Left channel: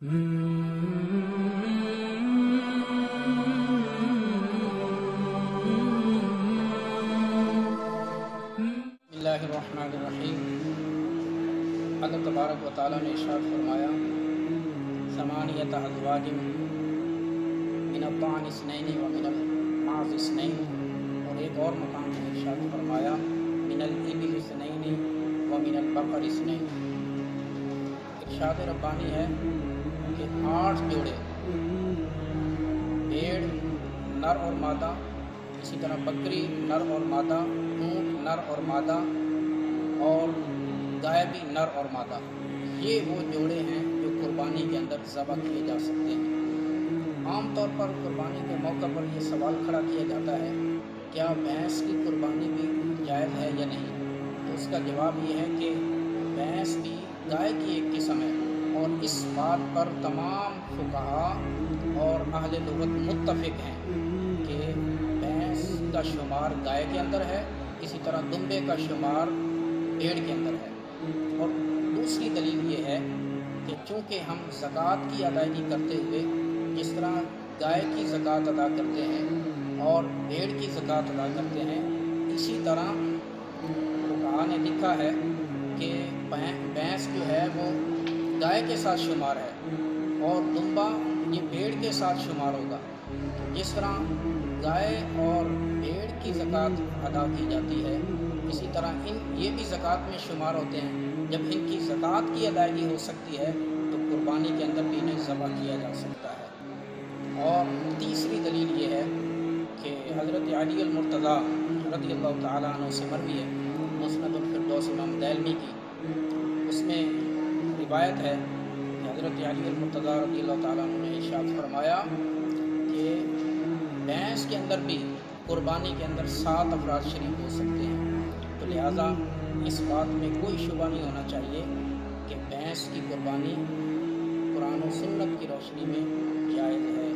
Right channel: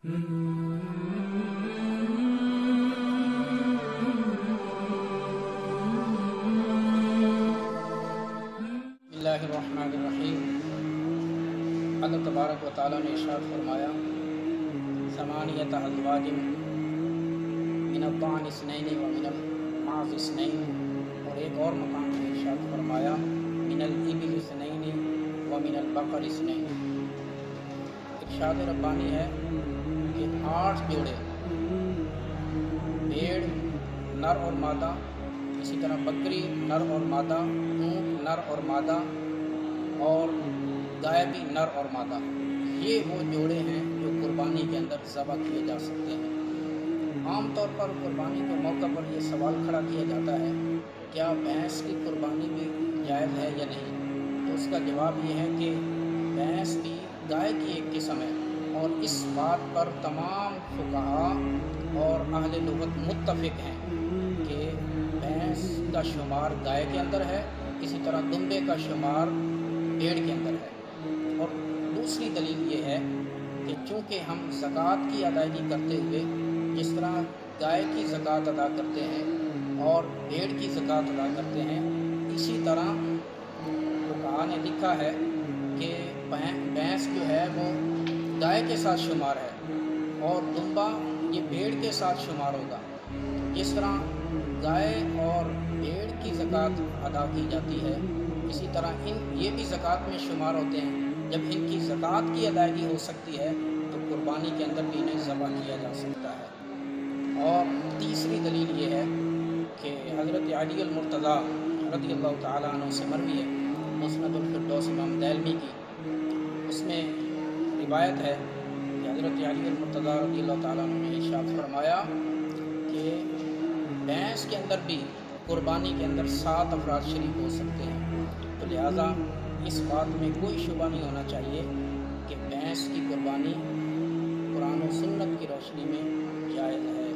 बिस्मिल्लाहिर्रहमानिर्रहीम। अल्लाह तबारक व तआला ने इरशाद फरमाया समानियत अज़वाजिन मिनल बान इस्नैनि व मिनल माज़ इस्नैनि, और एक और मकाम में इरशाद फरमाया मिनल इबिल इस्नैनि व मिनल बकर इस्नैनि। इरशाद रब्बानी है कि 8 जोड़े भेड़ नर और मादा, इसी तरह बकरी नर और मादा, ऊँट नर और मादा, और गाय भी नर और मादा, ये वो जोड़े हैं जो कुर्बानी के अंदर ज़बह किए जा सकते हैं। आम तौर पर कुर्बानी के मौके पर यह सवाल खड़ा किया जाता है क्या भैंस की कुर्बानी भी जायज़ है या नहीं। तो उसका जवाब ये है कि भैंस भी गाय की एक किस्म है, और इस बात पर तमाम फुक़हा और अहले लुग़त मुत्तफ़िक़ हैं कि भैंस का शुमार गाय के अंदर है, इसी तरह दुम्बे का शुमार भेड़ के अंदर है। और दूसरी दलील ये है कि चूँकि हम ज़कात की अदायगी करते हुए जिस तरह गाय की ज़कात अदा करते हैं और भेड़ की ज़कात अदा करते हैं, इसी तरह फुक़हा ने लिखा है कि भैंस जो है वो गाय के साथ शुमार है और दुम्बा ये भेड़ के साथ शुमार होगा। जिस तरह गाय और भेड़ की ज़कात अदा की जाती है, इसी तरह ये भी ज़कात में शुमार होते हैं। जब इनकी ज़कात की अदायगी हो सकती है तो कुर्बानी के अंदर भी इन्हें ज़बह किया जा सकता है। और तीसरी दलील ये है कि हज़रत अली अल-मुर्तज़ा रज़ियल्लाहु तआला अन्हु से मरवी है मुस्नदुल फ़िरदौस इमाम दैलमी की, उसमें रिवायत है कि हज़रत अली अल-मुर्तज़ा रज़ियल्लाहु तआला अन्हु ने इरशाद फरमाया कि भैंस के अंदर भी कुर्बानी के अंदर 7 अफराद शरीक हो सकते हैं। तो लिहाजा इस बात में कोई शुबा नहीं होना चाहिए कि भैंस की कुर्बानी कुरान और सुन्नत की रोशनी में जायज़ है।